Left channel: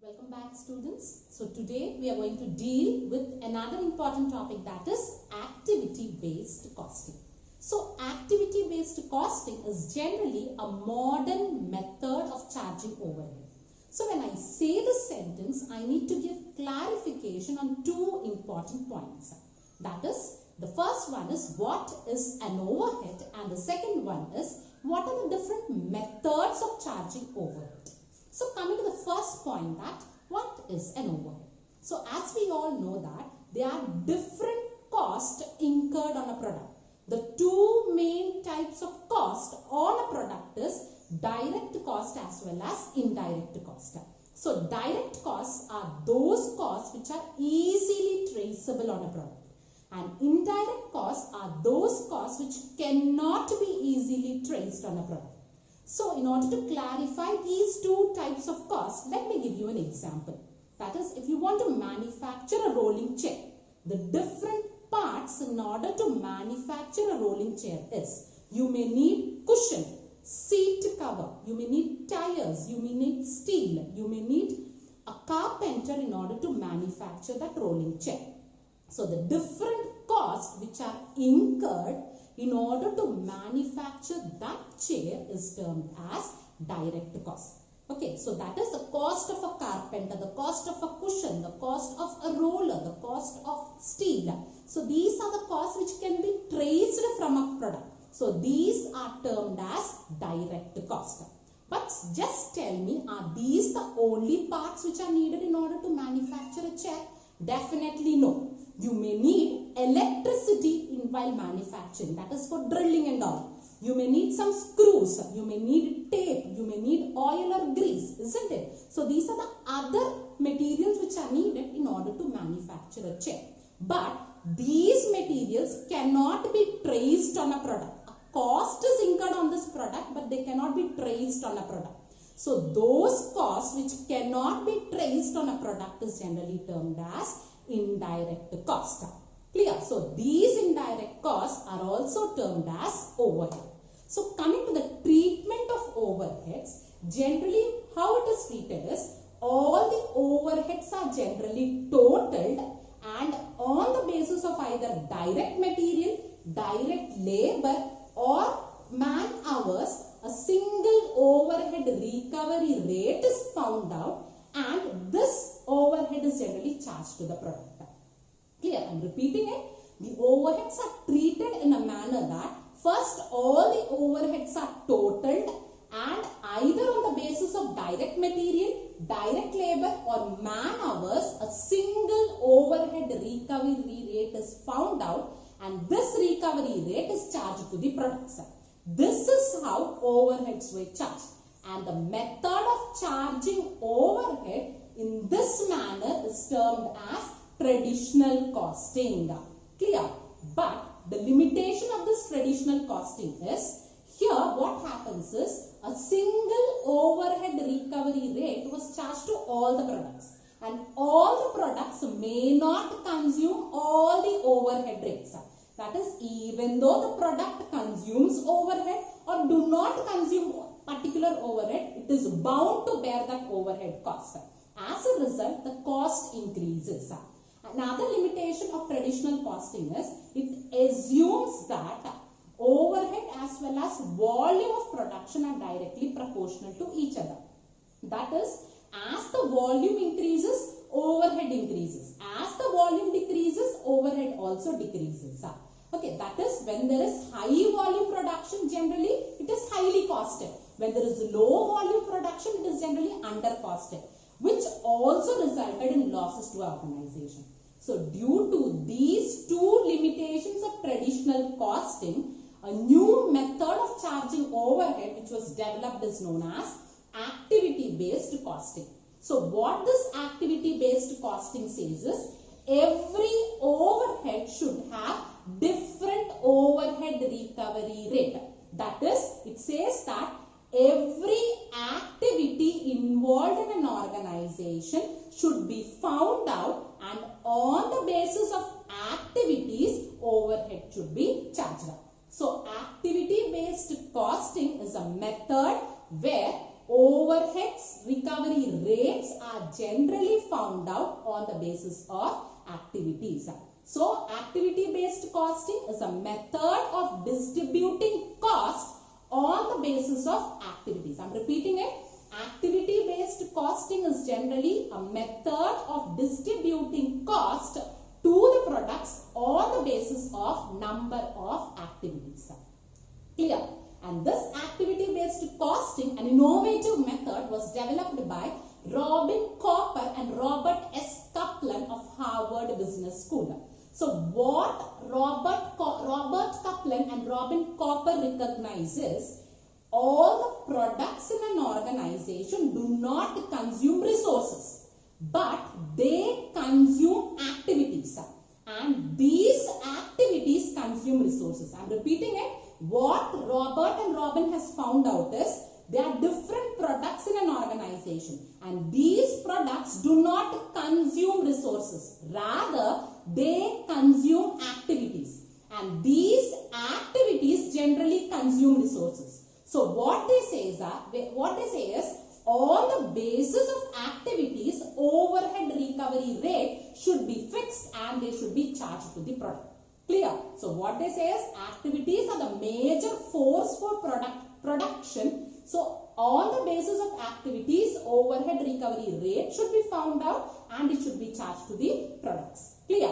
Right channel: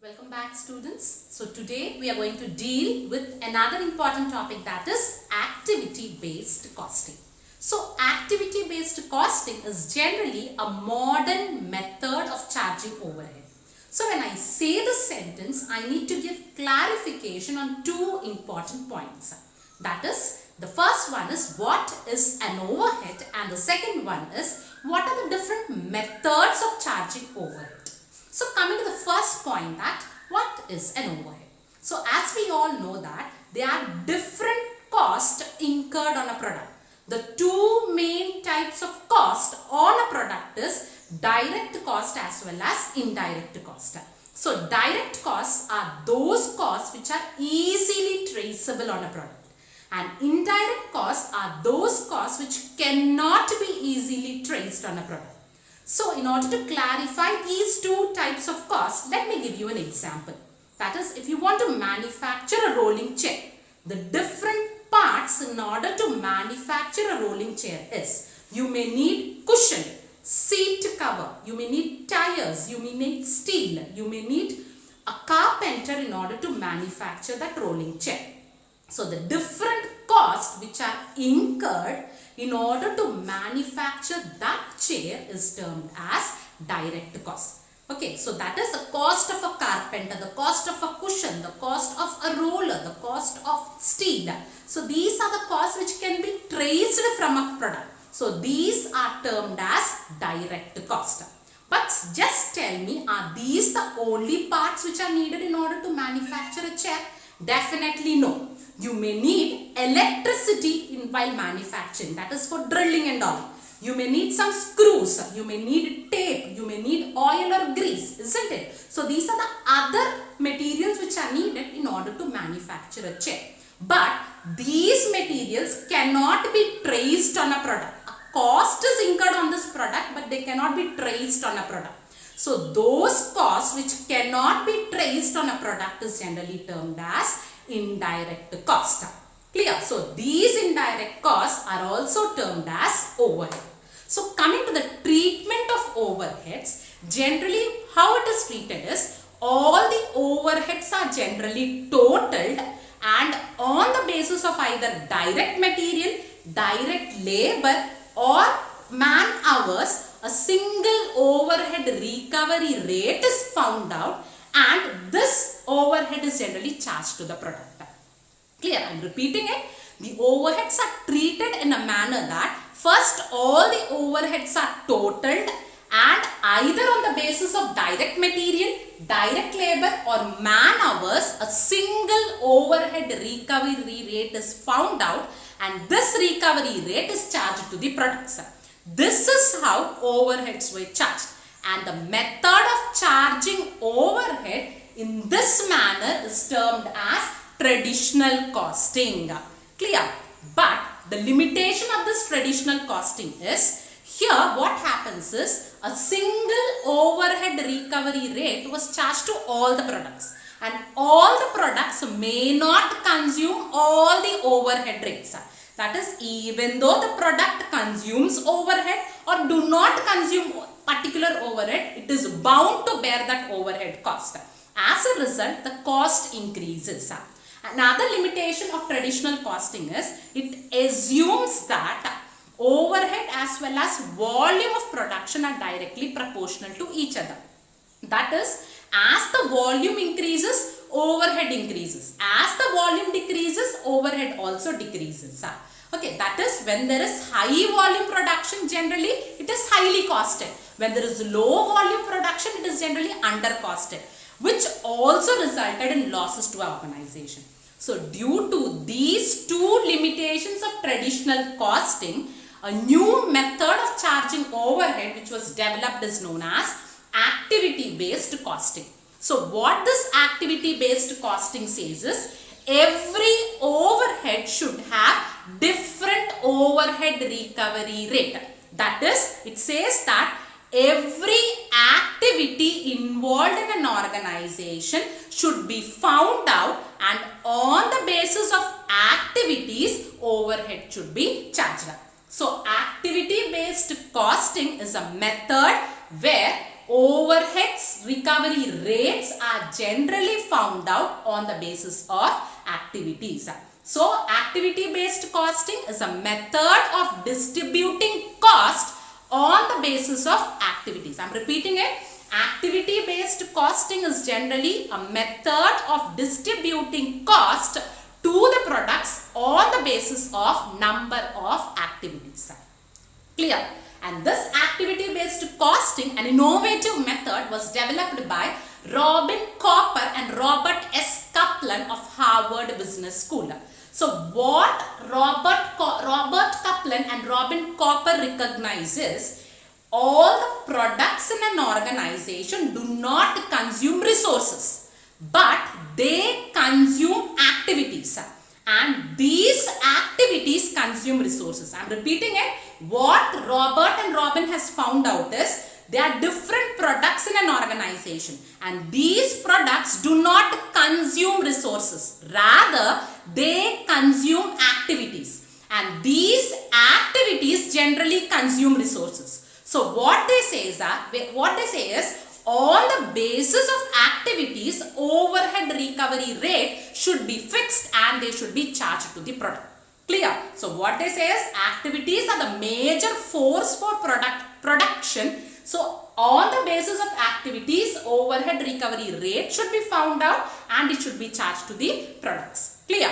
Welcome back, students. So today we are going to deal with another important topic, that is activity-based costing. So activity-based costing is generally a modern method of charging overhead. So when I say this sentence, I need to give clarification on two important points. That is, the first one is what is an overhead, and the second one is what are the different methods of charging overhead. So coming to the first point, that what is an overhead? So as we all know that there are different costs incurred on a product. The two main types of cost on a product is direct cost as well as indirect cost. So direct costs are those costs which are easily traceable on a product, and indirect costs are those costs which cannot be easily traced on a product. So in order to clarify these two types of costs, let me give you an example. That is, if you want to manufacture a rolling chair, the different parts in order to manufacture a rolling chair is, you may need cushion, seat cover, you may need tires, you may need steel, you may need a carpenter in order to manufacture that rolling chair. So the different costs which are incurred in order to manufacture that chair is termed as direct cost. Okay, so that is the cost of a carpenter, the cost of a cushion, the cost of a roller, the cost of steel. So these are the costs which can be traced from a product. So these are termed as direct cost. But just tell me, are these the only parts which are needed in order to manufacture a chair? Definitely no. You may need electricity while manufacturing, that is for drilling and all. You may need some screws, you may need tape, you may need oil or grease, isn't it? So these are the other materials which are needed in order to manufacture a chair. But these materials cannot be traced on a product. A cost is incurred on this product, but they cannot be traced on a product. So those costs which cannot be traced on a product is generally termed as indirect cost. Clear? So these indirect costs are also termed as overhead. So coming to the treatment of overheads, generally how it is treated is, all the overheads are generally totaled, and on the basis of either direct material, direct labor or man hours, a single overhead recovery rate is found out, and this overhead is generally charged to the product. Clear? I am repeating it. The overheads are treated in a manner that first all the overheads are totaled, and either on the basis of direct material, direct labor or man hours, a single overhead recovery rate is found out, and this recovery rate is charged to the products. This is how overheads were charged, and the method of charging overhead in this manner is termed as traditional costing. Clear? But the limitation of this traditional costing is, here what happens is, a single overhead recovery rate was charged to all the products, and all the products may not consume all the overhead rates. That is, even though the product consumes overhead or do not consume particular overhead, it is bound to bear that overhead cost. As a result, the cost increases. Another limitation of traditional costing is, it assumes that overhead as well as volume of production are directly proportional to each other. That is, as the volume increases, overhead increases. As the volume decreases, overhead also decreases. Okay, that is, when there is high volume production, generally it is highly costed. When there is low volume production, it is generally under costed, which also resulted in losses to our organization. So due to these two limitations of traditional costing, a new method of charging overhead which was developed is known as activity-based costing. So what this activity-based costing says is, every overhead should have different overhead recovery rate. That is, it says that every activity involved in an organization should be found out, and on the basis of activities, overhead should be charged. So activity based costing is a method where overheads recovery rates are generally found out on the basis of activities. So activity based costing is a method of distributing cost on the basis of activities. I am repeating it. Activity based costing is generally a method of distributing cost to the products on the basis of number of activities. Clear? And this activity based costing, an innovative method, was developed by Robin Cooper and Robert S. Kaplan of Harvard Business School. So what Robert Kaplan and Robin Cooper recognizes, all the products in an organization do not consume resources, but they consume activities, and these activities consume resources. I am repeating it. What Robert and Robin has found out is there are different products in an organization, and these products do not consume resources, rather they consume activities, and these activities generally consume resources. So what they say is on the basis of activities, overhead recovery rate should be fixed and they should be charged to the product. Clear? So what they say is activities are the major force for production. So on the basis of activities, overhead recovery rate should be found out and it should be charged to the products. Clear?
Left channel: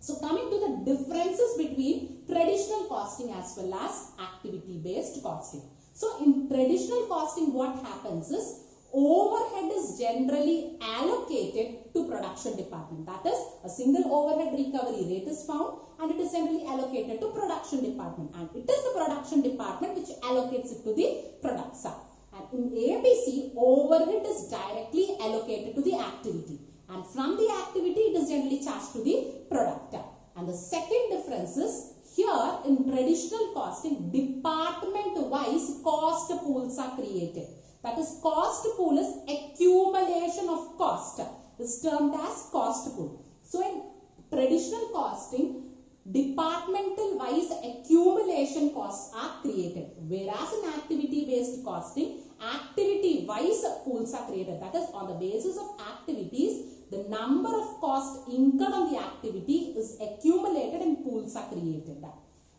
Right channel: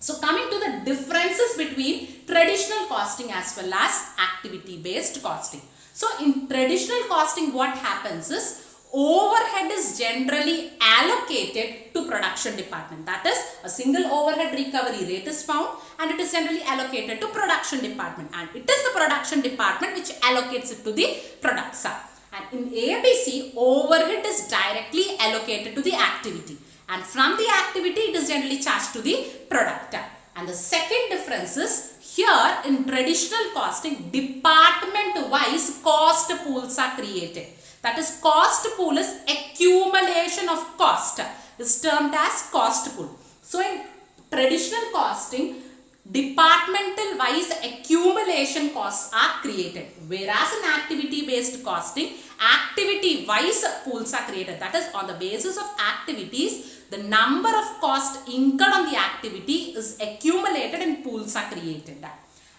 So coming to the differences between traditional costing as well as activity based costing. So in traditional costing, what happens is overhead is generally allocated to production department. That is, a single overhead recovery rate is found and it is generally allocated to production department, and it is the production department which allocates it to the products. And in ABC, overhead is directly allocated to the activity, and from the activity it is generally charged to the product. And the second difference is, here in traditional costing, department wise cost pools are created. That is, cost pool is accumulation of cost, is termed as cost pool. So in traditional costing, departmental wise accumulation costs are created, whereas in activity based costing, activity wise pools are created. That is, on the basis of activities, the number of costs incurred on the activity is accumulated and pools are created.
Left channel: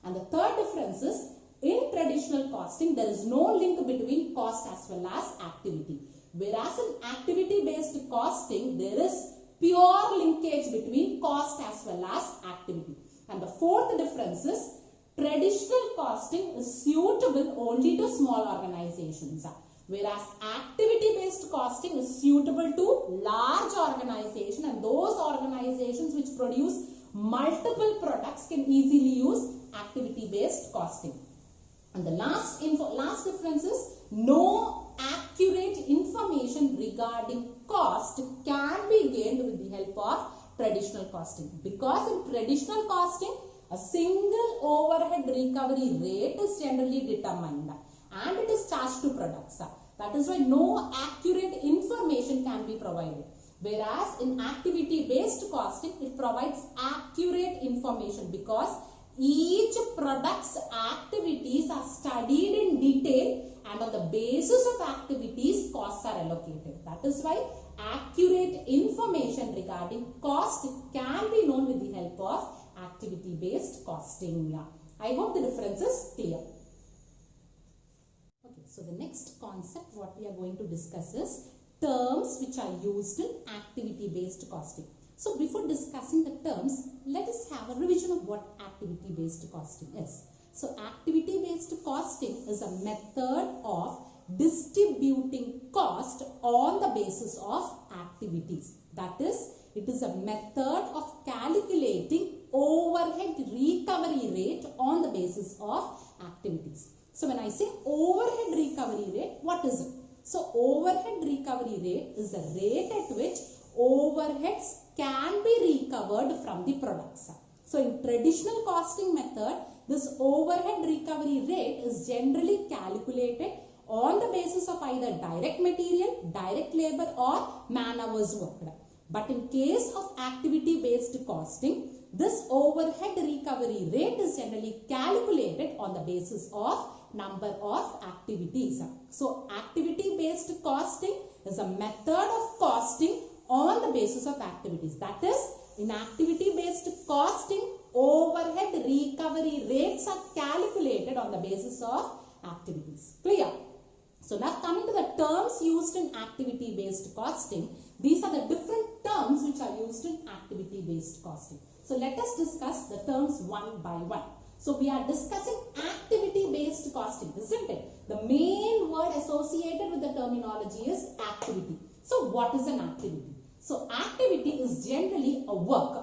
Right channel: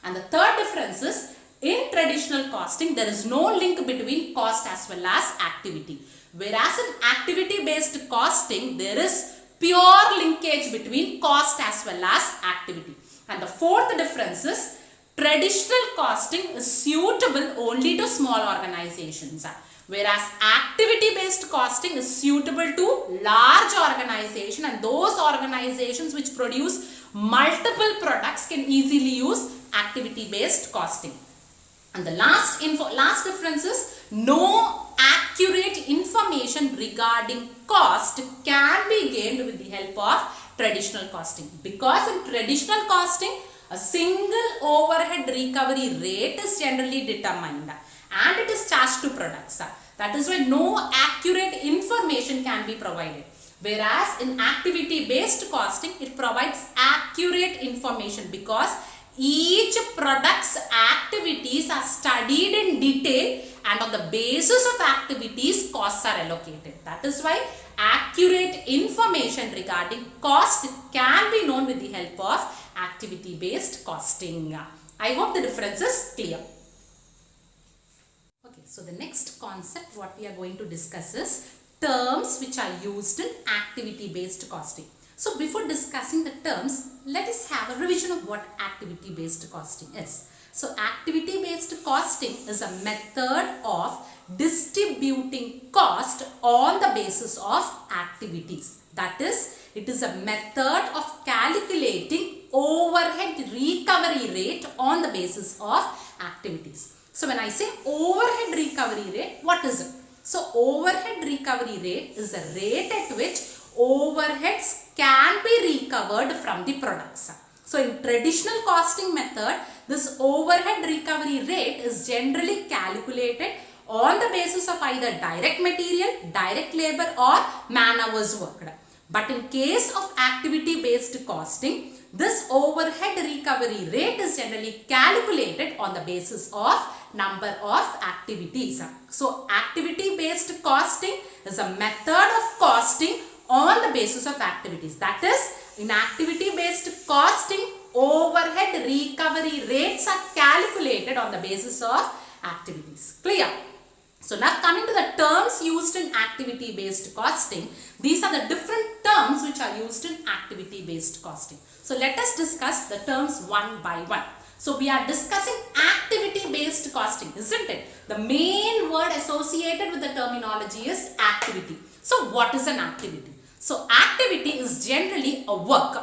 And the third difference is, in traditional costing, there is no link between cost as well as activity, whereas in activity based costing, there is pure linkage between cost as well as activity. And the fourth difference is, traditional costing is suitable only to small organizations, whereas activity based costing is suitable to large organizations, and those organizations which produce multiple products can easily use activity based costing. And the last difference is, no accurate information regarding cost can be gained with the help of traditional costing, because in traditional costing, a single overhead recovery rate is generally determined and it is charged to products. That is why no accurate information can be provided. Whereas in activity based costing, it provides accurate information, because each product's activities are studied in detail, and on the basis of activities, costs are allocated. That is why accurate information regarding cost can be known with the help of activity based costing. I hope the difference is clear. Okay, so the next concept what we are going to discuss is terms which are used in activity based costing. So before discussing the terms, let us have a revision of what activity based costing is. So activity based costing is a method of distributing cost on the basis of activities. That is, it is a method of calculating overhead recovery rate on the basis of activities. So when I say overhead recovery rate, what is it? So overhead recovery rate is the rate at which overheads can be recovered from the products. So in traditional costing method, this overhead recovery rate is generally calculated on the basis of either direct material, direct labor or man hours worked. But in case of activity based costing, this overhead recovery rate is generally calculated on the basis of number of activities. So activity-based costing is a method of costing on the basis of activities. That is, in activity-based costing, overhead recovery rates are calculated on the basis of activities. Clear? So now coming to the terms used in activity-based costing, these are the different terms which are used in activity-based costing. So let us discuss the terms one by one. So we are discussing activity-based costing, isn't it? The main word associated with the terminology is activity. So what is an activity? So activity is generally a work.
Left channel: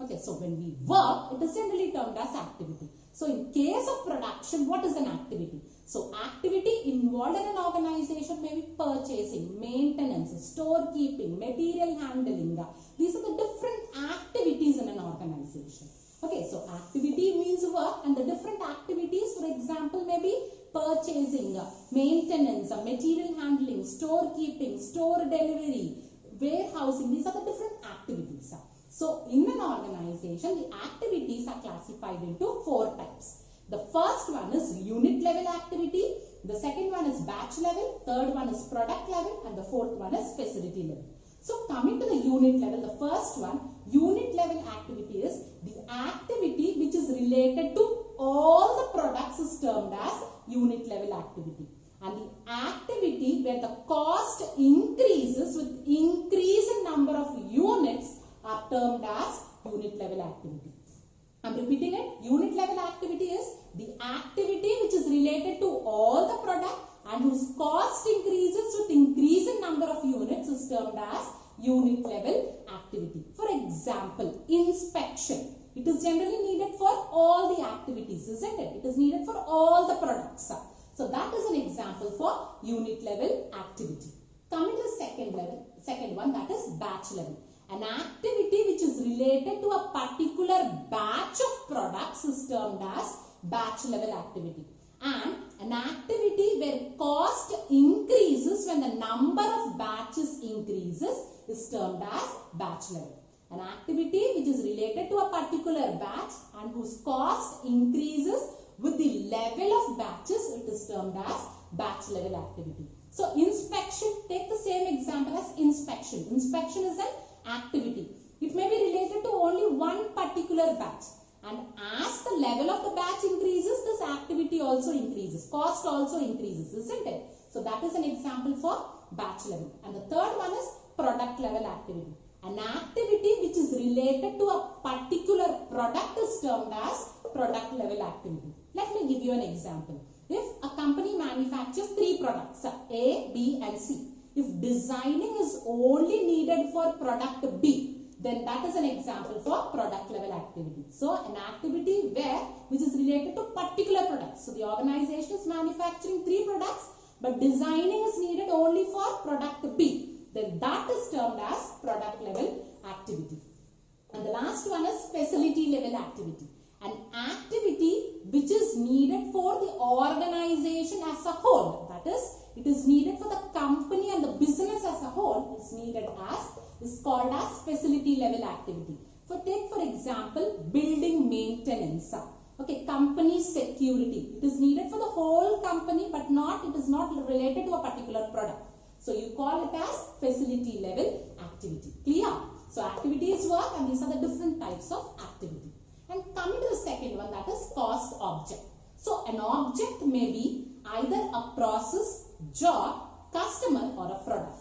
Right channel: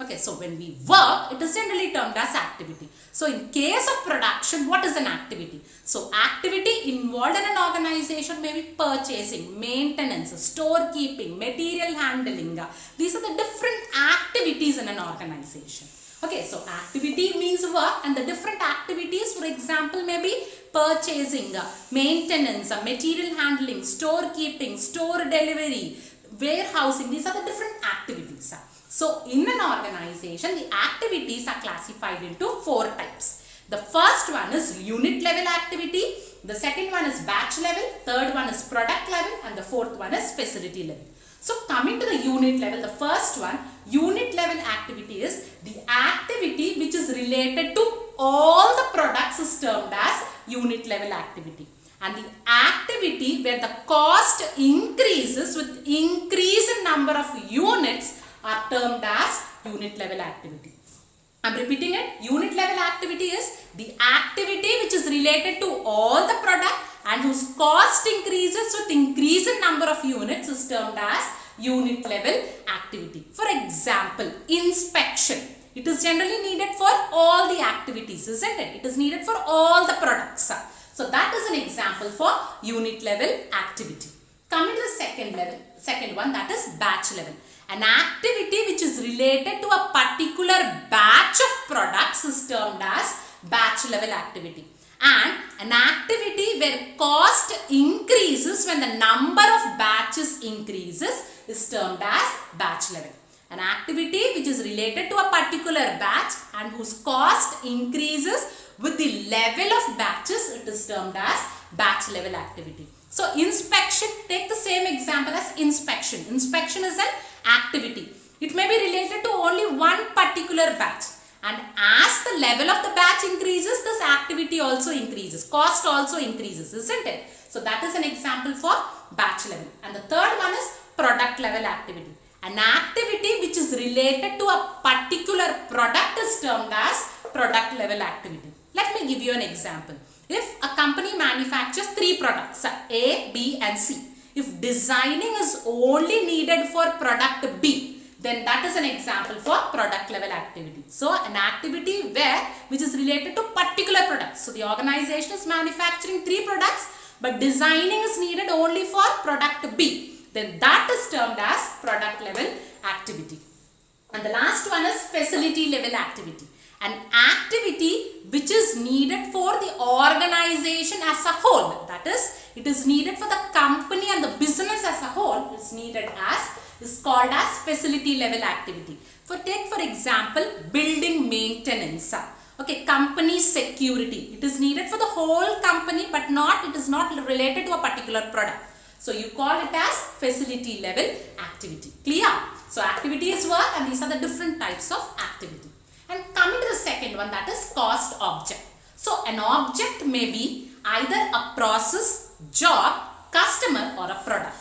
Okay, so when we work, it is generally termed as activity. So in case of production, what is an activity? So activity involved in an organization may be purchasing, maintenance, storekeeping, material handling. These are the different activities in an organization. Okay, so activity means work, and the different activities, for example, may be purchasing, maintenance, material handling, storekeeping, store delivery, warehousing. These are the different activities. So in an organization, the activities are classified into 4 types. The first one is unit level activity, the second one is batch level, third one is product level, and the fourth one is facility level. So coming to the unit level, the first one, unit level activity is the activity which is related to all the products is termed as unit level activity. And the activity where the cost increases with increase in number of units are termed as unit level activity. I am repeating it. Unit level activity is the activity which is related to all the product and whose cost increases with increase in number of units is termed as unit level activity. For example, inspection. It is generally needed for all the activities, isn't it? It is needed for all the products. So that is an example for unit level activity. Coming to the second one, that is batch level. An activity which is related to a particular batch of products is termed as batch level activity. And an activity where cost increases when the number of batches increases is termed as batch level. An activity which is related to a particular batch and whose cost increases with the level of batches, it is termed as batch level activity. So inspection, take the same example as inspection. Inspection is an activity. It may be related to only one particular batch, and as the level of the batch increases, this activity also increases, cost also increases, isn't it? So that is an example for batch level. And the third one is product level activity. An activity which is related to a particular product is termed as product level activity. Let me give you an example. If a company manufactures 3 products, A, B and C, if designing is only needed for product B, then that is an example for product level activity. So an activity which is related to particular products. So the organization is manufacturing 3 products, but designing is needed only for product B, then that is termed as product level activity. And the last one is facility level activity. An activity which is needed for the organization as a whole. That is, it is needed for the company and the business as a whole. Is called as facility level activity. Take for example, building maintenance. Okay, company security. It is needed for the whole company, but it is not related to a particular product. So you call it as facility level activity. Clear? So activity is work, and these are the different types of activity. And coming to the second one, that is cost object. So an object may be either a process, job, customer or a product.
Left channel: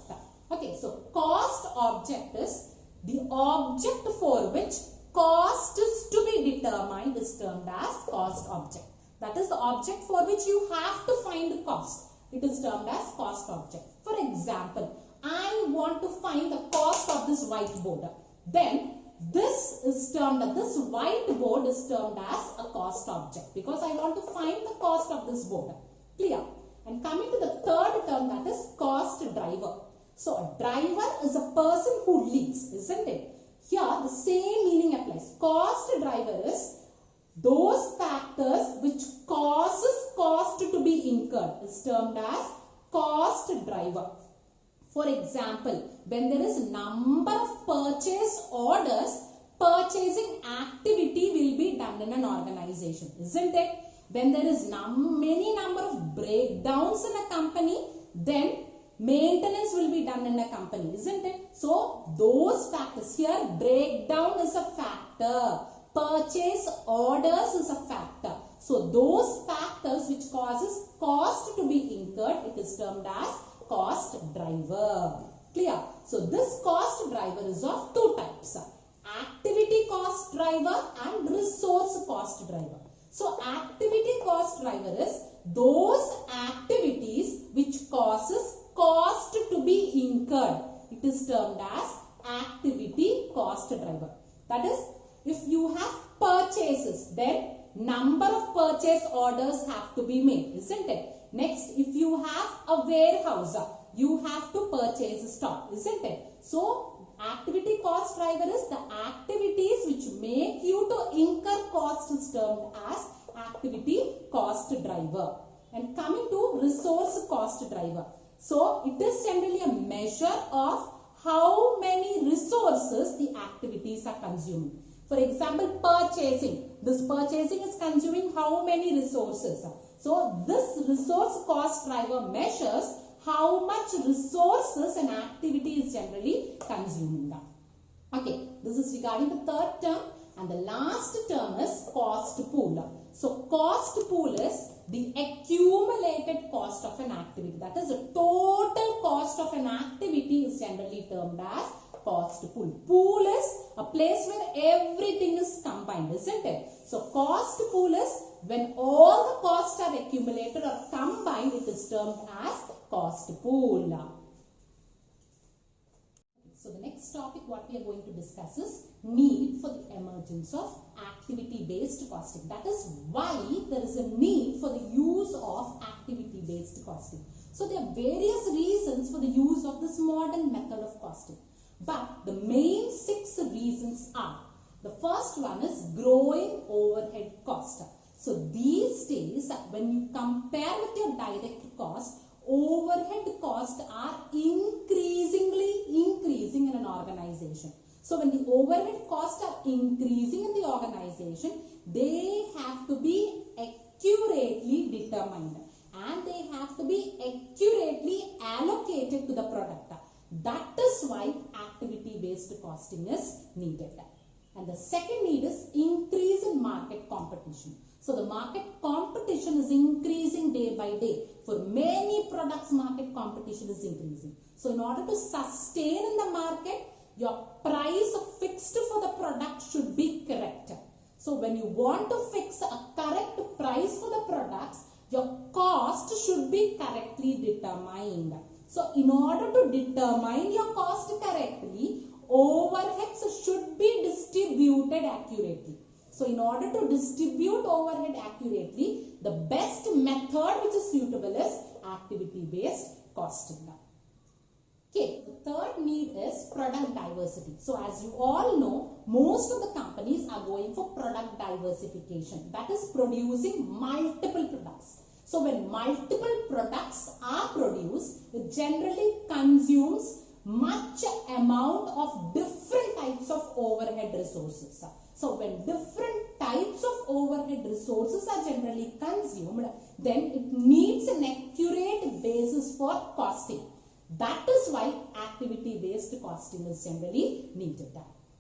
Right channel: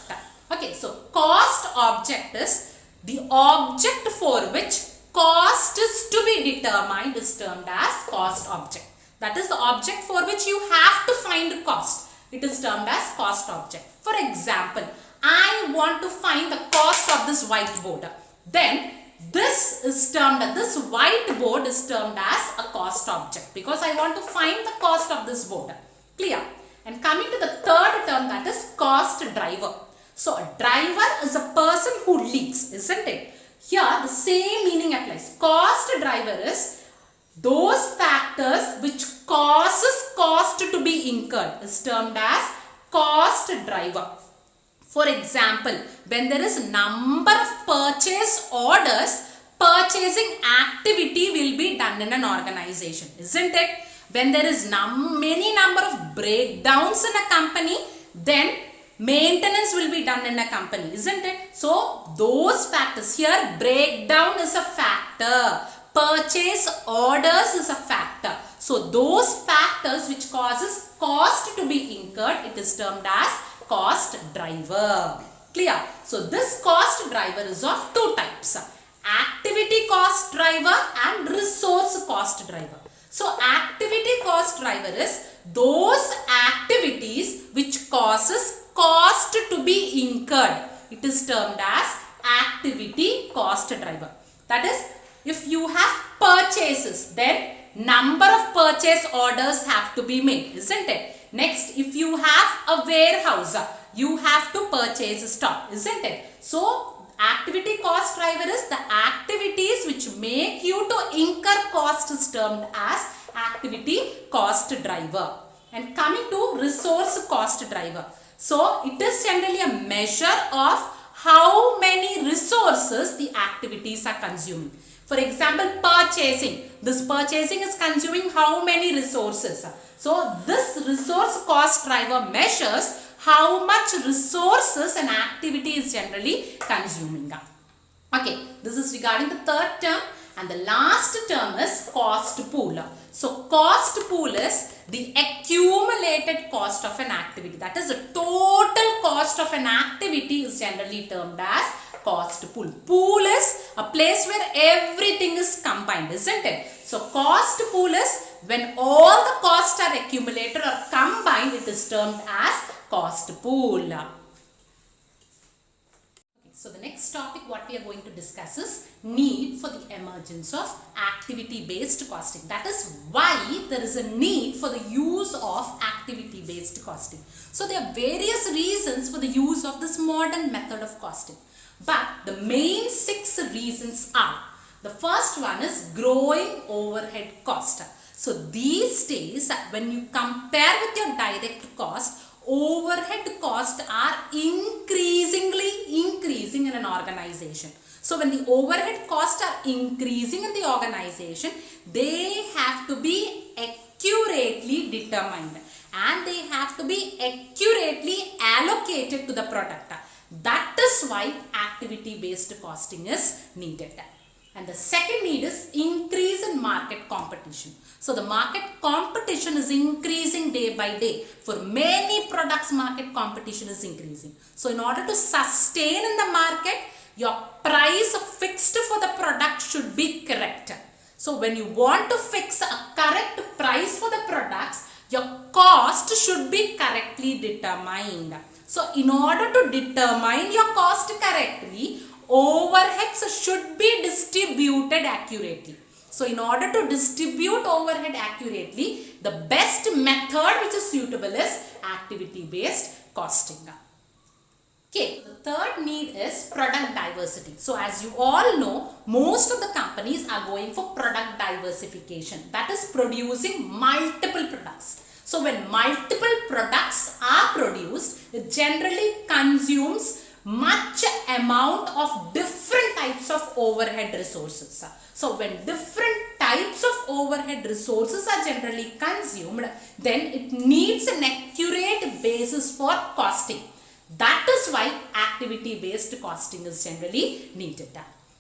Okay, so cost object is the object for which cost is to be determined is termed as cost object. That is the object for which you have to find cost. It is termed as cost object. For example, I want to find the cost of this whiteboard. Then this whiteboard is termed as a cost object because I want to find the cost of this board. Clear? And coming to the third term, that is cost driver. So a driver is a person who leads, isn't it? Here the same meaning applies. Cost driver is those factors which causes cost to be incurred is termed as cost driver. For example, when there is number of purchase orders, purchasing activity will be done in an organization, isn't it? When there is many number of breakdowns in a company, then maintenance will be done in a company, isn't it? So those factors here, breakdown is a factor, purchase orders is a factor. So those factors which causes cost to be incurred, it is termed as cost driver. Clear? So this cost driver is of two types, activity cost driver and resource cost driver. So activity cost driver is those activities which causes cost to be incurred. It is termed as activity cost driver. That is, if you have purchases, then number of purchase orders have to be made, isn't it? Next, if you have a warehouse, you have to purchase stock, isn't it? So activity cost driver is the activities which make you to incur cost is termed as activity cost driver. And coming to resource cost driver. So it is generally a measure of how many resources the activities are consuming. For example, purchasing. This purchasing is consuming how many resources? So this resource cost driver measures how much resources an activity is generally consuming. Okay, this is regarding the third term, and the last term is cost pool. So cost pool is the accumulated cost of an activity. That is, the total cost of an activity is generally termed as cost pool. Pool is a place where everything is combined, isn't it? So cost pool is when all the costs are accumulated or combined, it is termed as cost pool. So the next topic what we are going to discuss is need for the emergence of activity-based costing. That is why there is a need for the use of activity-based costing. So there are various reasons for the use of this modern method of costing. But the main 6 reasons are, the first one is growing overhead cost. So these days when you compare with your direct cost, overhead costs are increasingly increasing in an organization. So when the overhead costs are increasing in the organization, they have to be accurately determined and they have to be accurately allocated to the product. That is why activity-based costing is needed. And the second need is increase in market competition. So the market competition is increasing day by day. For many products, market competition is increasing. So in order to sustain in the market, your price fixed for the product should be correct. So when you want to fix a correct price for the products, your cost should be correctly determined. So in order to determine your cost correctly, overheads should be distributed accurately. So in order to distribute overhead accurately, the best method which is suitable is activity-based costing. Okay, the third need is product diversity. So as you all know, most of the companies are going for product diversification. That is producing multiple products. So when multiple products are produced, it generally consumes much amount of different types of overhead resources. So when different types of overhead resources are generally consumed, then it needs an accurate basis for costing. That is why activity-based costing is generally needed.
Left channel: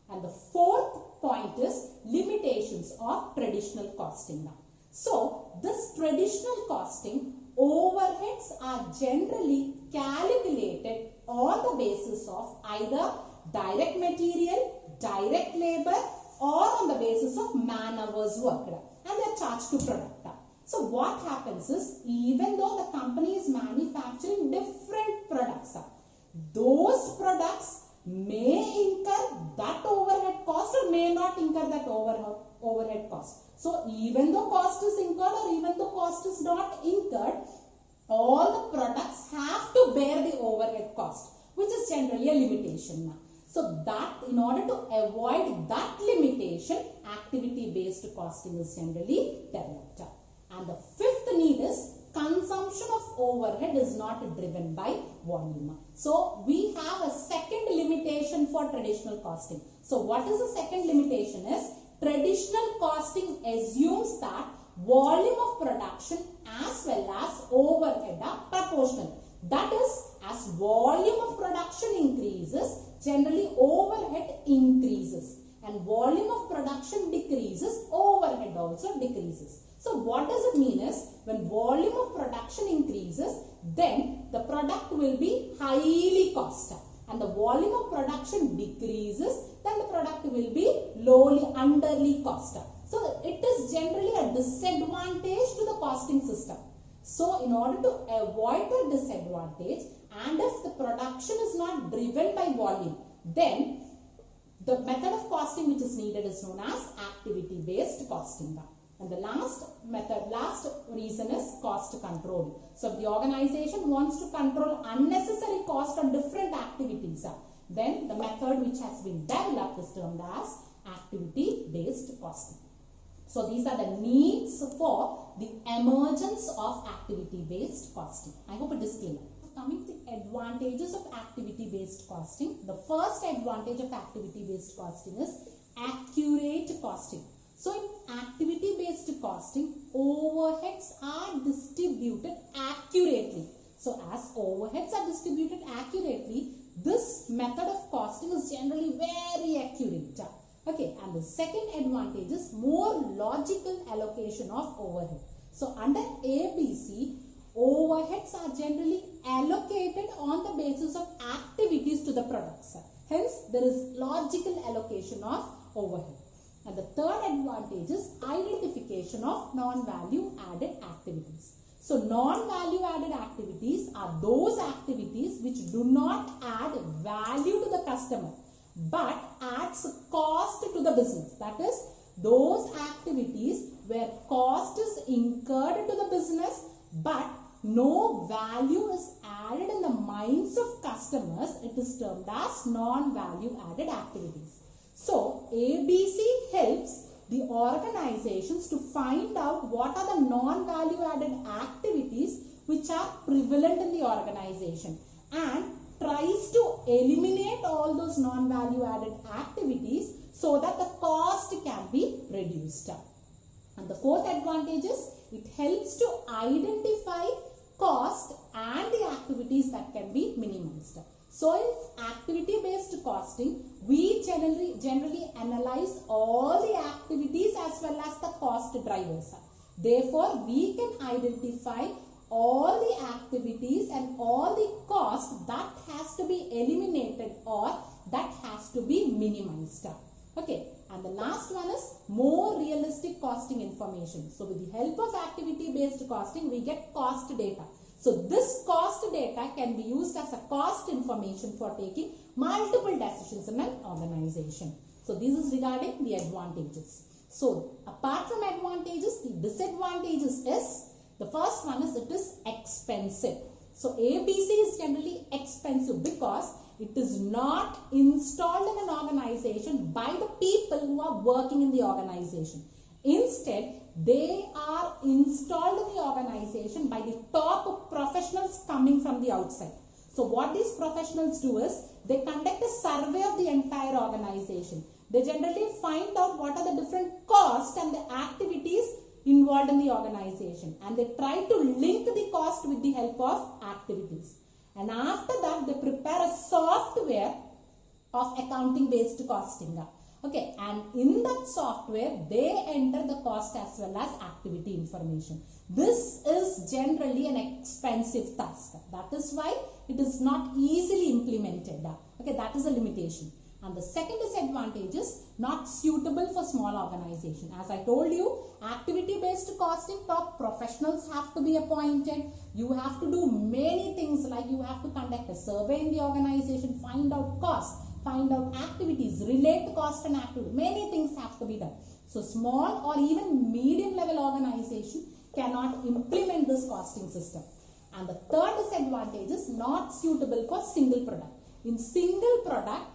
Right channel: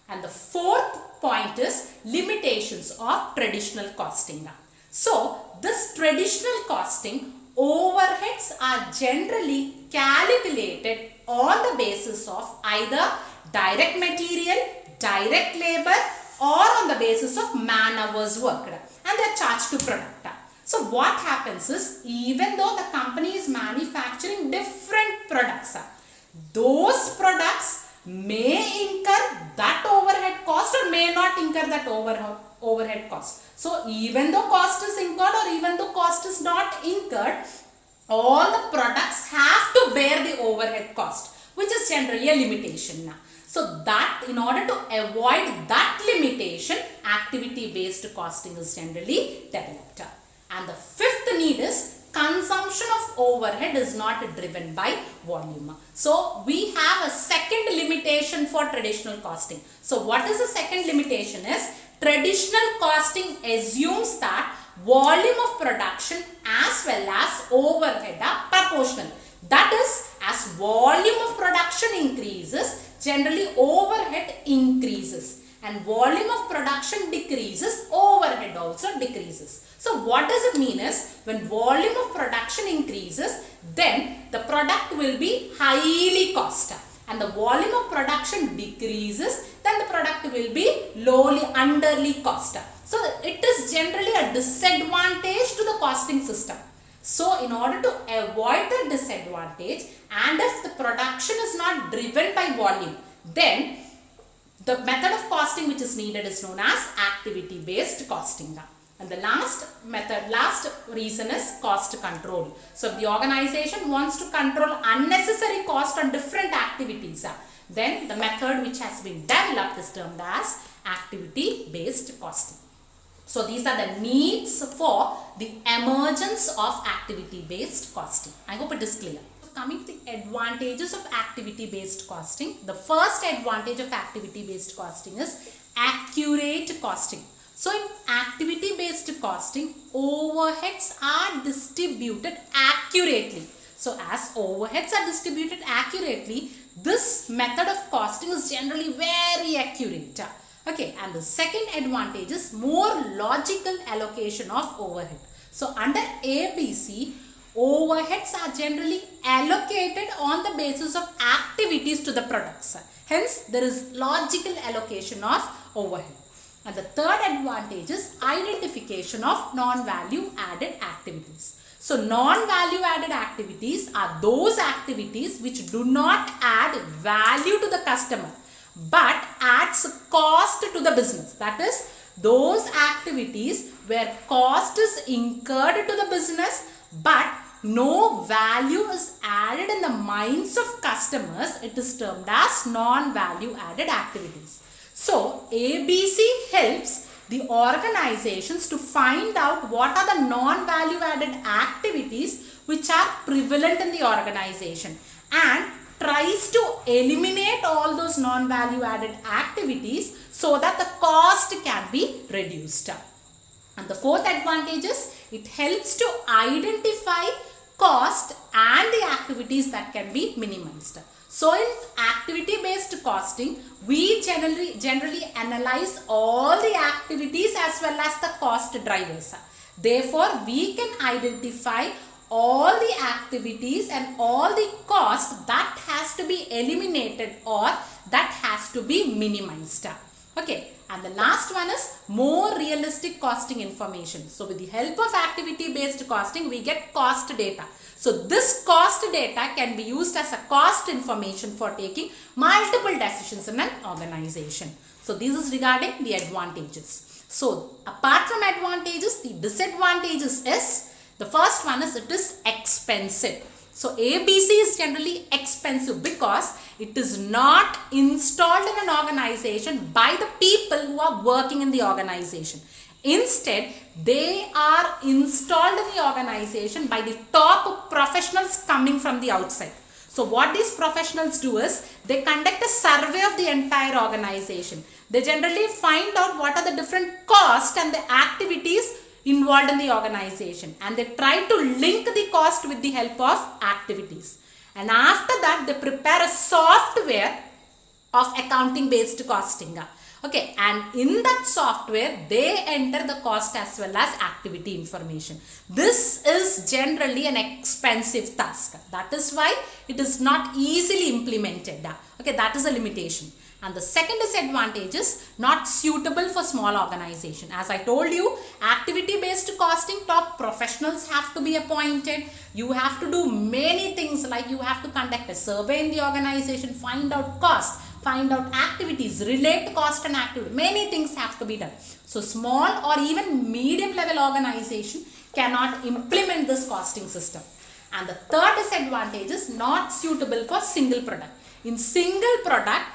And the fourth point is limitations of traditional costing. So this traditional costing, overheads are generally calculated on the basis of either direct material, direct labor, or on the basis of man hours worked, and they are charged to product. So what happens is, even though the company is manufacturing different products, those products may incur that overhead cost or may not incur that overhead cost. So even though cost is incurred or even though cost is not incurred, all the products have to bear the overhead cost, which is generally a limitation. So that in order to avoid that limitation, activity-based costing is generally developed. And the fifth need is consumption of overhead is not driven by volume. So we have a second limitation for traditional costing. So what is the second limitation is traditional costing assumes that volume of production as well as overhead are proportional. That is, as volume of production increases, generally overhead increases, and volume of production decreases, overhead also decreases. So what does it mean is when volume of production increases, then the product will be highly costed, and the volume of production decreases, then the product will be lowly, underly costed. So it is generally a disadvantage to the costing system. So in order to avoid the disadvantage, and if the production is not driven by volume, then the method of costing which is needed is known as activity-based costing. And the last reason is cost control. So if the organization wants to control unnecessary cost on different activities, then the method which has been developed is termed as activity-based costing. So these are the needs for the emergence of activity-based costing. I hope it is clear. Coming to the advantages of activity-based costing. The first advantage of activity-based costing is accurate costing. So in activity-based costing, overheads are distributed accurately. So as overheads are distributed accurately, this method of costing is generally very accurate. Okay, and the second advantage is more logical allocation of overhead. So under ABC, overheads are generally allocated on the basis of activities to the products. Hence, there is logical allocation of overhead. And the third advantage is identification of non-value added activities. So non-value added activities are those activities which do not add value to the customer but adds cost to the business. That is, those activities where cost is incurred to the business but no value is added in the minds of customers, it is termed as non-value added activities. So ABC helps the organizations to find out what are the non-value added activities which are prevalent in the organization and tries to eliminate all those non-value added activities so that the cost can be reduced. And the fourth advantage is it helps to identify cost and the activities that can be minimized. So in activity-based costing, we generally analyze all the activities as well as the cost drivers. Therefore, we can identify all the activities and all the cost that has to be eliminated or that has to be minimized. Okay, and the last one is more realistic costing information. So with the help of activity-based costing, we get cost data. So this cost data can be used as a cost information for taking multiple decisions in an organization. So this is regarding the advantages. So apart from advantages, the disadvantages is, the first one is it is expensive. So ABC is generally expensive because it is not installed in an organization by the people who are working in the organization. Instead, they are installed in the organization by the top professionals coming from the outside. So what these professionals do is they conduct a survey of the entire organization. They generally find out what are the different costs and the activities involved in the organization, and they try to link the cost with the help of activities. And after that, they prepare a software of accounting based costing. Okay, and in that software, they enter the cost as well as activity information. This is generally an expensive task. That is why it is not easily implemented. Okay, that is a limitation. And the second disadvantage is not suitable for small organization. As I told you, activity-based costing, top professionals have to be appointed. You have to do many things, like you have to conduct a survey in the organization, find out cost, find out activities, relate cost and activity. Many things have to be done. So small or even medium level organization cannot implement this costing system. And the third disadvantage is not suitable for single product. In single product,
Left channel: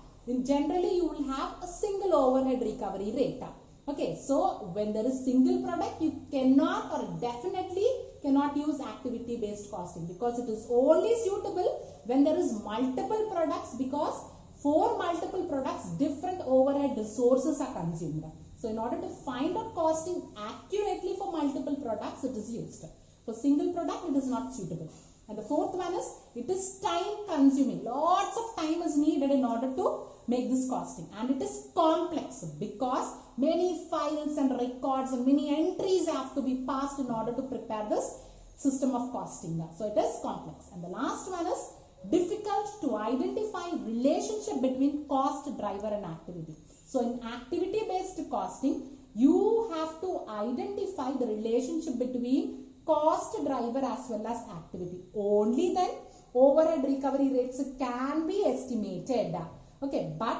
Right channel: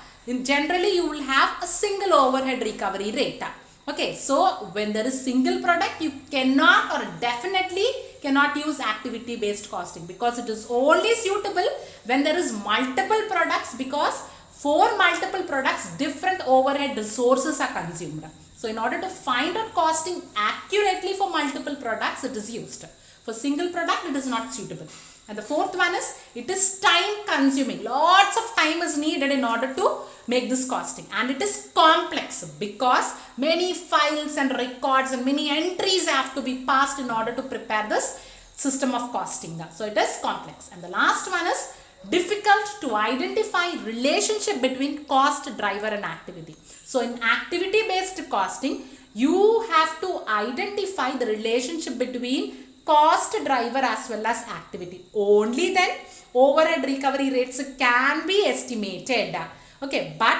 generally you will have a single overhead recovery rate. Okay, so when there is single product, you cannot or definitely cannot use activity based costing, because it is only suitable when there is multiple products, because for multiple products different overhead resources are consumed. So in order to find out costing accurately for multiple products, it is used. For single product, it is not suitable. And the fourth one is, it is time consuming. Lots of time is needed in order to make this costing, and it is complex because many files and records and many entries have to be passed in order to prepare this system of costing. So it is complex. And the last one is difficult to identify relationship between cost driver and activity. So in activity based costing, you have to identify the relationship between cost driver as well as activity. Only then overhead recovery rates can be estimated. Okay, but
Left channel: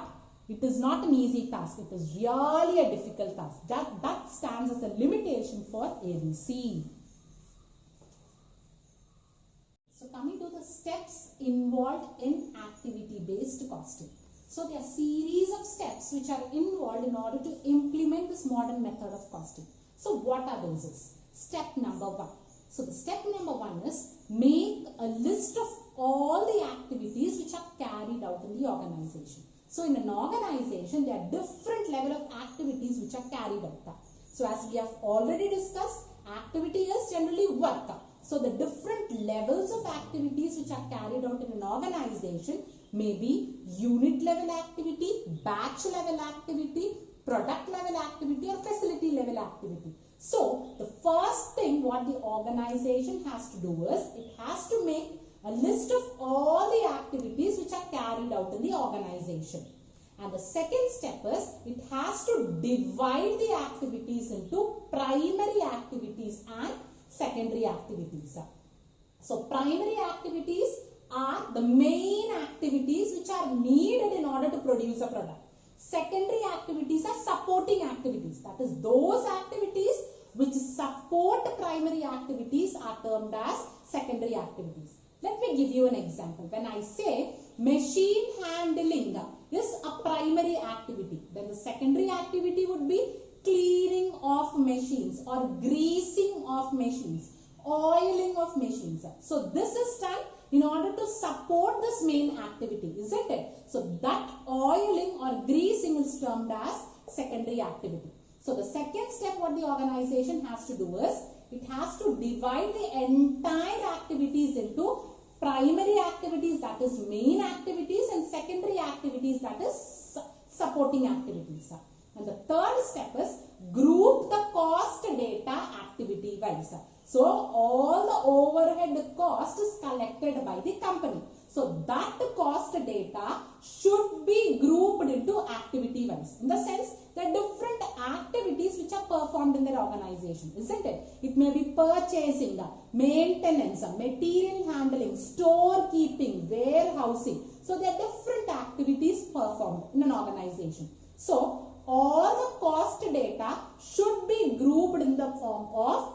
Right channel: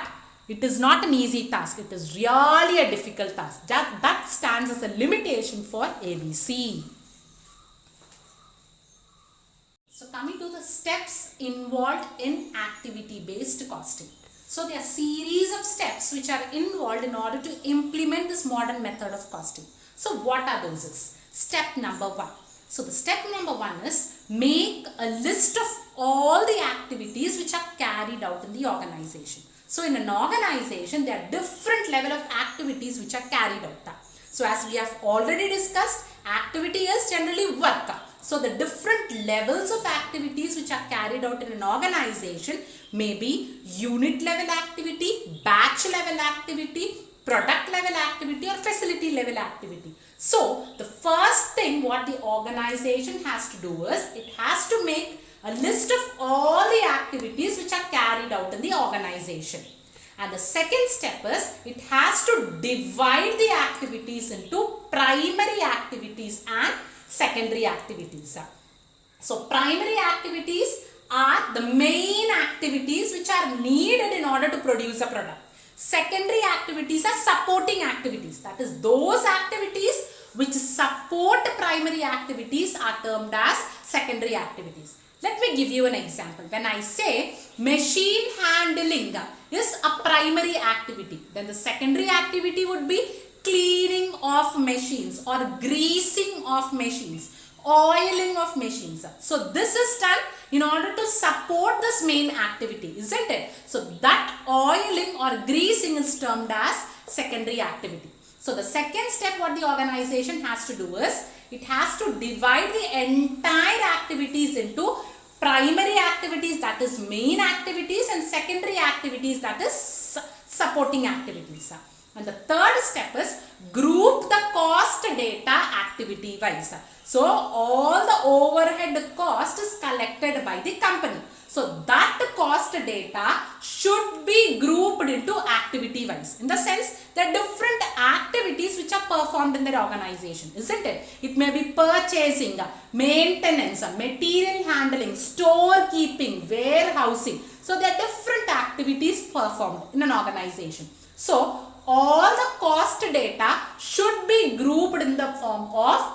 it is not an easy task. It is really a difficult task. That stands as a limitation for ABC. So coming to the steps involved in activity-based costing. So there are series of steps which are involved in order to implement this modern method of costing. So what are those? Step number 1. So the step number 1 is make a list of all the activities which are carried out in the organization. So in an organization, there are different level of activities which are carried out. So as we have already discussed, activity is generally work. So the different levels of activities which are carried out in an organization may be unit level activity, batch level activity, product level activity, or facility level activity. So the first thing what the organization has to do is, it has to make a list of all the activities which are carried out in the organization. And the second step is, it has to divide the activities into primary activities and secondary activities. So primary activities are the main activities which are needed in order to produce a product. Secondary activities are supporting activities. That is, those activities which support primary activities are termed as secondary activities. Let me give you an example. When I say machine handling is a primary activity, then the secondary activity would be cleaning of machines or greasing of machines, oiling of machines. So this is done in order to support this main activity, isn't it? So that oiling or greasing is termed as secondary activity. So the second step what the organization has to do is, it has to divide the entire activities into primary activities, that is main activities, and secondary activities, that is supporting activities. And the third step is group the cost data activity wise. So all the overhead cost is collected by the company. So that cost data should be grouped into activity wise, in the sense that different activities which are performed in the organization, isn't it? It may be purchasing, maintenance, material handling, storekeeping, warehousing. So there are different activities performed in an organization. So all the cost data should be grouped in the form of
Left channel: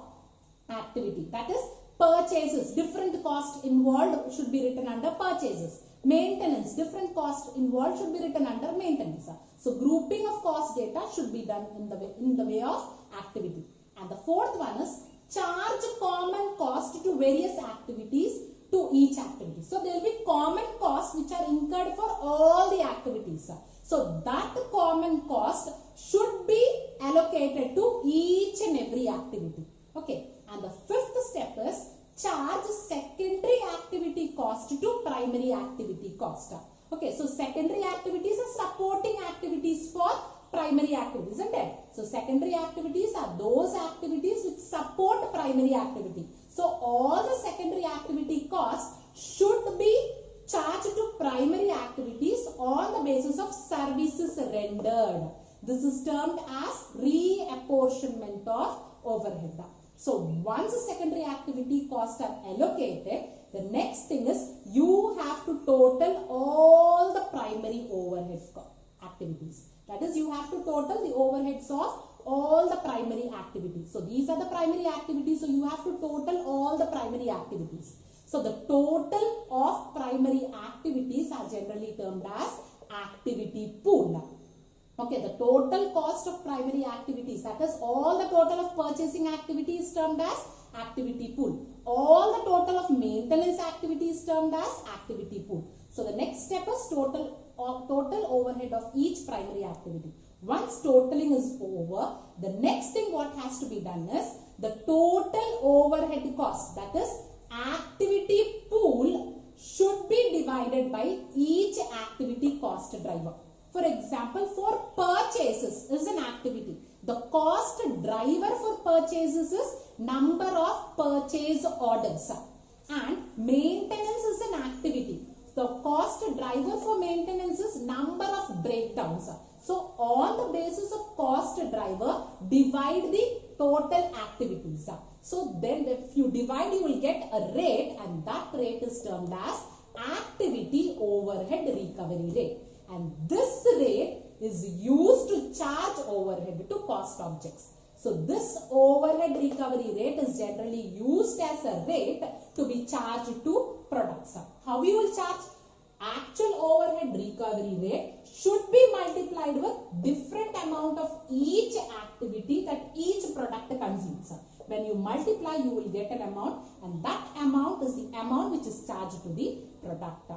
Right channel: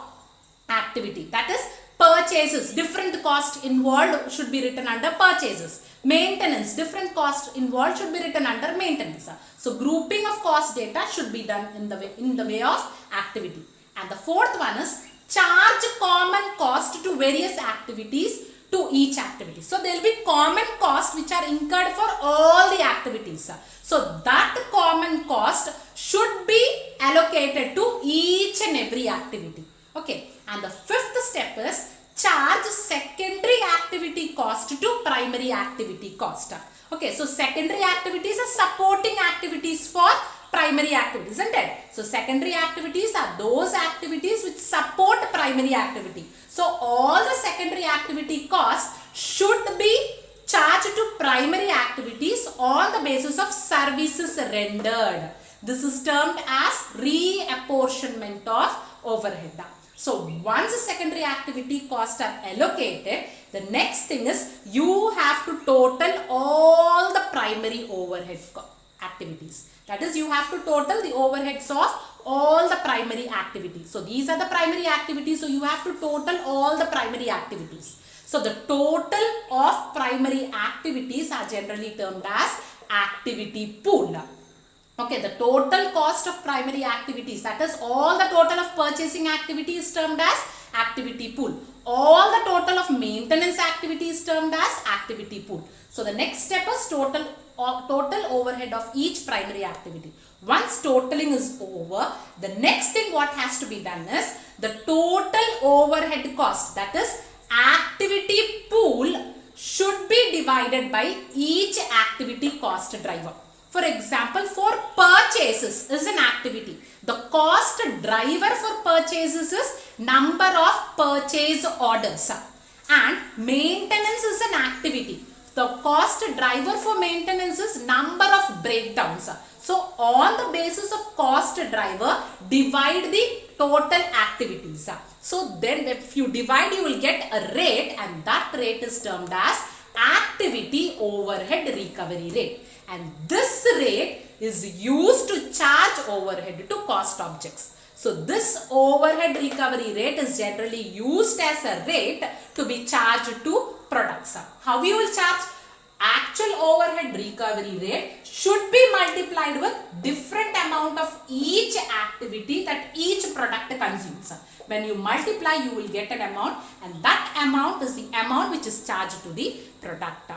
activity. That is, purchases, different cost involved should be written under purchases. Maintenance, different cost involved should be written under maintenance. So grouping of cost data should be done in the way of activity. And the fourth one is charge common cost to various activities to each activity. So there will be common costs which are incurred for all the activities. So that common cost should be allocated to each and every activity. Okay. And the fifth step is charge secondary activity cost to primary activity cost. Okay, so secondary activities are supporting activities for primary activities, isn't it? So secondary activities are those activities which support primary activity. So all the secondary activity costs should be charged to primary activities on the basis of services rendered. This is termed as reapportionment of overhead. So once the secondary activity costs are allocated, the next thing is you have to total all the primary overhead activities. That is, you have to total the overheads of all the primary activities. So these are the primary activities. So you have to total all the primary activities. So the total of primary activities are generally termed as activity pool. Okay, the total cost of primary activities, that is all the total of purchasing activity is termed as activity pool. All the total of maintenance activity is termed as activity pool. So the next step is total overhead of each primary activity. Once totaling is over, the next thing what has to be done is the total overhead cost, that is activity pool, should be divided by each activity cost driver. For example, for purchases is an activity. The cost driver for purchases is number of purchase orders, and maintenance is an activity. The cost driver for maintenance is number of breakdowns. So on the basis of cost driver, divide the total activities. So then if you divide, you will get a rate, and that rate is termed as activity overhead recovery rate. And this rate is used to charge overhead to cost objects. So this overhead recovery rate is generally used as a rate to be charged to products. How you will charge? Actual overhead recovery rate should be multiplied with different amount of each activity that each product consumes. When you multiply, you will get an amount, and that amount is the amount which is charged to the product.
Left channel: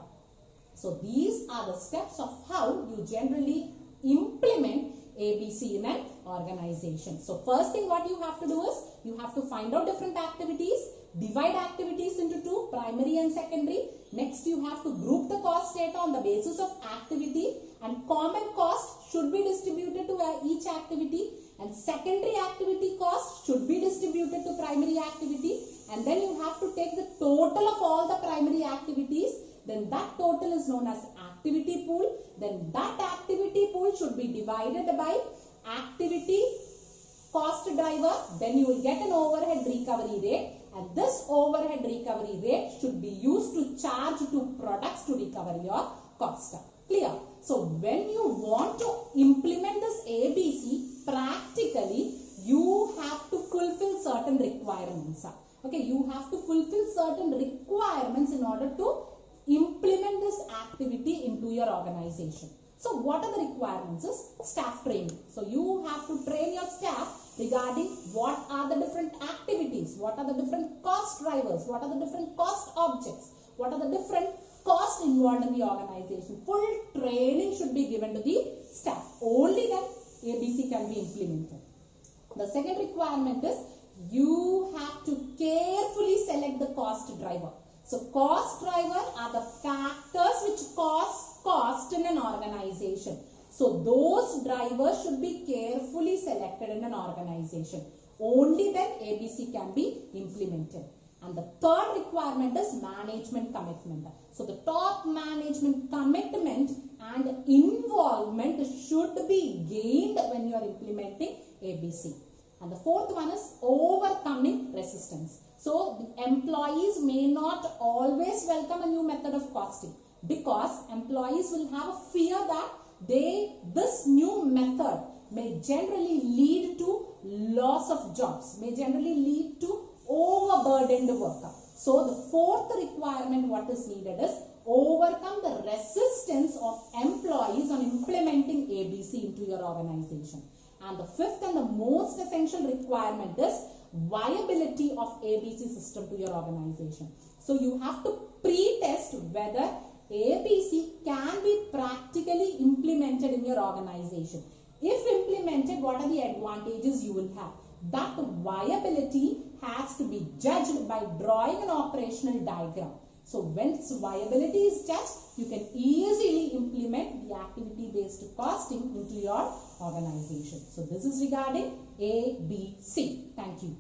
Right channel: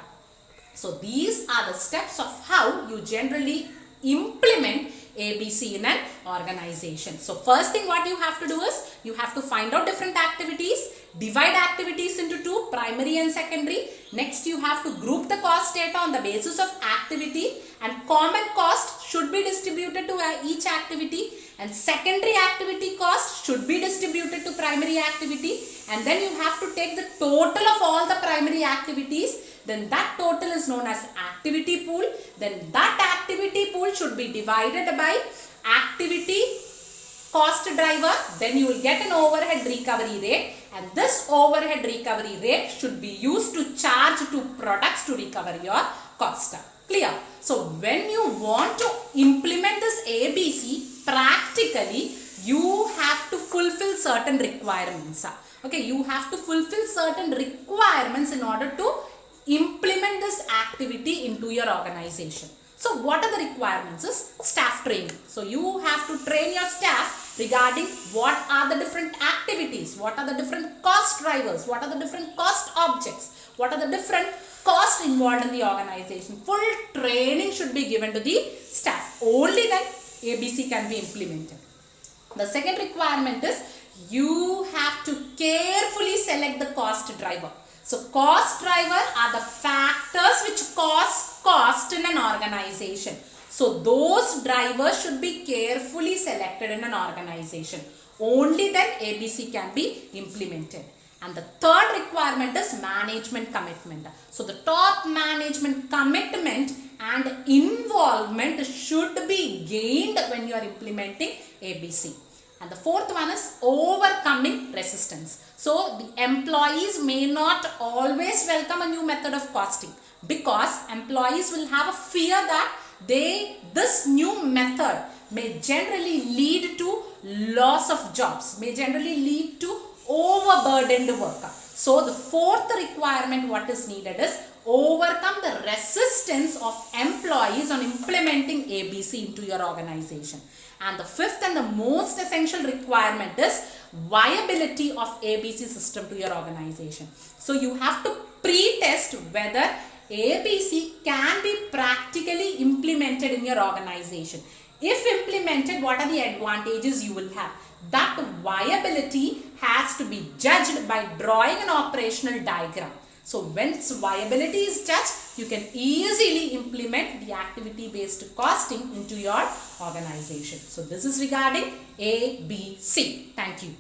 So these are the steps of how you generally implement ABC in an organization. So first thing what you have to do is you have to find out different activities, divide activities into two, primary and secondary. Next you have to group the cost data on the basis of activity, and common cost should be distributed to each activity, and secondary activity cost should be distributed to primary activity, and then you have to take the total of all the primary activities. Then that total is known as activity pool. Then that activity pool should be divided by activity cost driver. Then you will get an overhead recovery rate, and this overhead recovery rate should be used to charge to products to recover your cost. Clear? So when you want to implement this ABC practically, you have to fulfill certain requirements. Okay, you have to fulfill certain requirements in order to implement this activity into your organization. So what are the requirements? Is staff training. So you have to train your staff regarding what are the different activities, what are the different cost drivers, what are the different cost objects, what are the different costs involved in the organization. Full training should be given to the staff. Only then ABC can be implemented. The second requirement is you have to carefully select the cost driver. So cost driver are the factors which cause cost in an organization. So those drivers should be carefully selected in an organization. Only then ABC can be implemented. And the third requirement is management commitment. So the top management commitment and involvement should be gained when you are implementing ABC. And the fourth one is overcoming resistance. So the employees may not always welcome a new method of costing, because employees will have a fear that this new method may generally lead to loss of jobs, may generally lead to overburdened work. So the fourth requirement what is needed is overcome the resistance of employees on implementing ABC into your organization. And the fifth and the most essential requirement is viability of ABC system to your organization. So you have to pre-test whether ABC can be practically implemented in your organization. If implemented, what are the advantages you will have? That viability has to be judged by drawing an operational diagram. So once viability is judged, you can easily implement the activity-based costing into your organization. So this is regarding ABC. Thank you.